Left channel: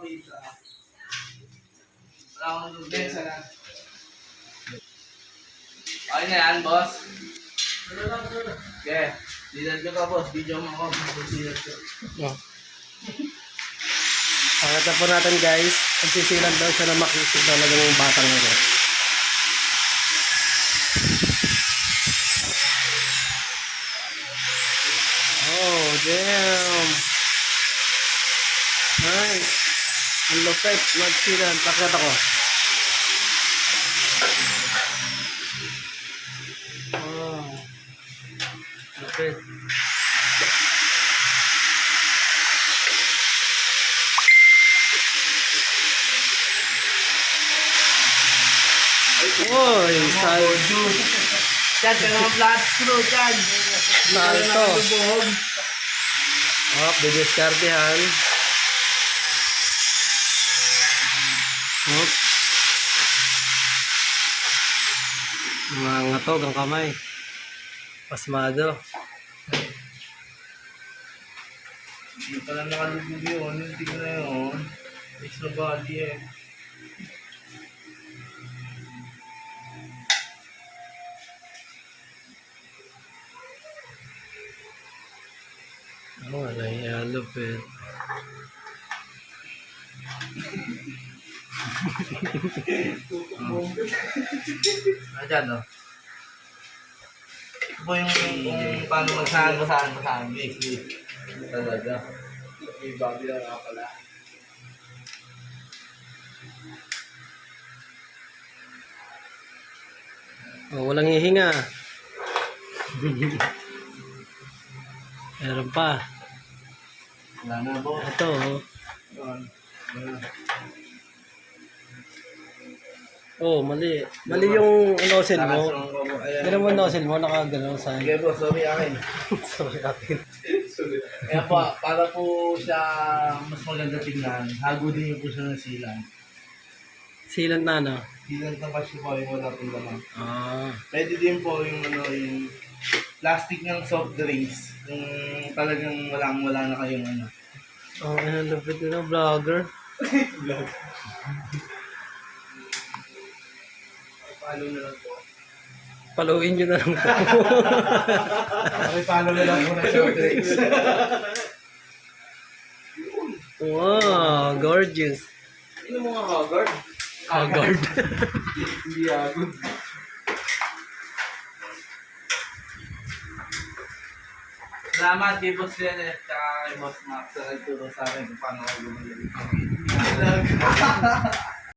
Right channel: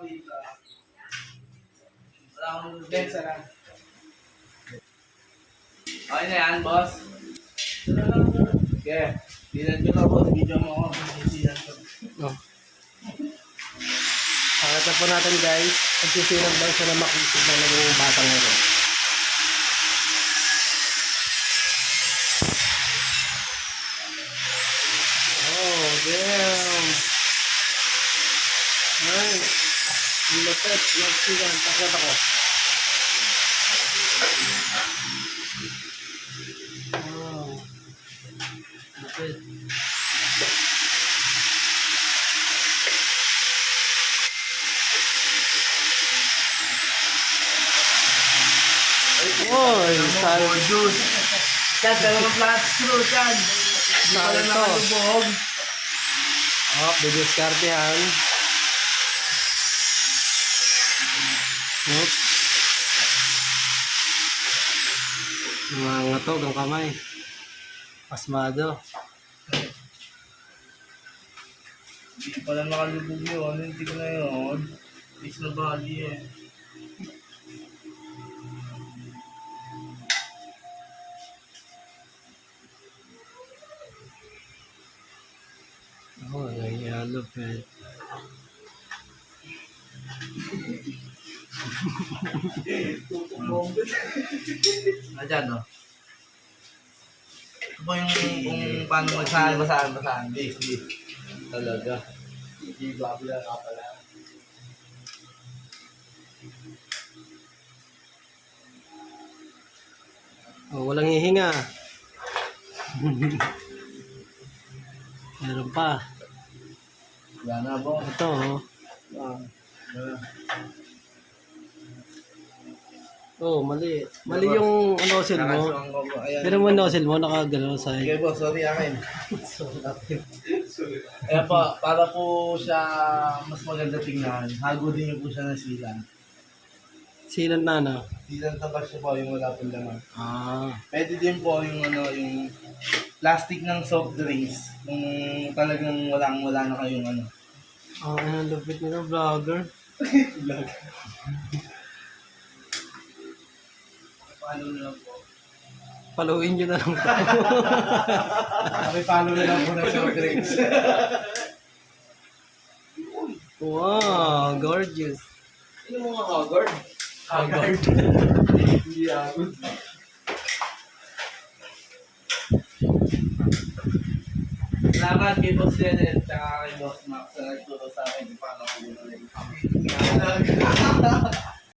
kuhita. Wala akong nagdensa lang. Okay na yan, boss. Okay. Silat ko to, boss. Video mo ako. Silat ko. Oh. Pakita po natin guys, nagsisilang daw siya na makisig talaga yung batang ito. Oh, damn. Ang lupit, nagsilang. Pakita ko. Wow. Lupit. Uy, sal. Yan, dalawang flat screw pala Salto. Oh, didiskartehan. Oops. Mga ngatog ang kamay. Pasmado. Hindi pala nakalubog yun. Yung tig na yun. Na body eh. Oh, wala yung lupit. Ah, no? Ito po yung kung paano magsahan, basahan, basahan. Beef, beef. Talaga. Hindi babi lang nga pala. Oh, walang hihinga. Meron pa. Wala na, boss. Ito, oh. Yan. Wala. Oh, mali. Mali yung nozzle mo. Ganun mo yung nozzle mo, nakagano sa... Okay po, sorry akin. Sorry natin. Kaya po, para po siya mas maganda tingnan, hago din niyo po siya ng silang. Sealant na, no? Silang na ba siya po yung wala pong laman. Ah. Pwede din po yung ano, yung plastic ng soft drinks. Kung talagang walang wala na kayong ano. Oh, ano, lupit nila, vlogger. Vlog. Follow na lang po. Paluin nyo na lang to. Pakipollow na lang po ng soft drinks. wow, gorgeous. Sino mga Haggard? Haggard. Hindi ako. Salamat kay Boss Leonard at kay Boss Max sa nagturo sa akin kung paano ako lumalang kami.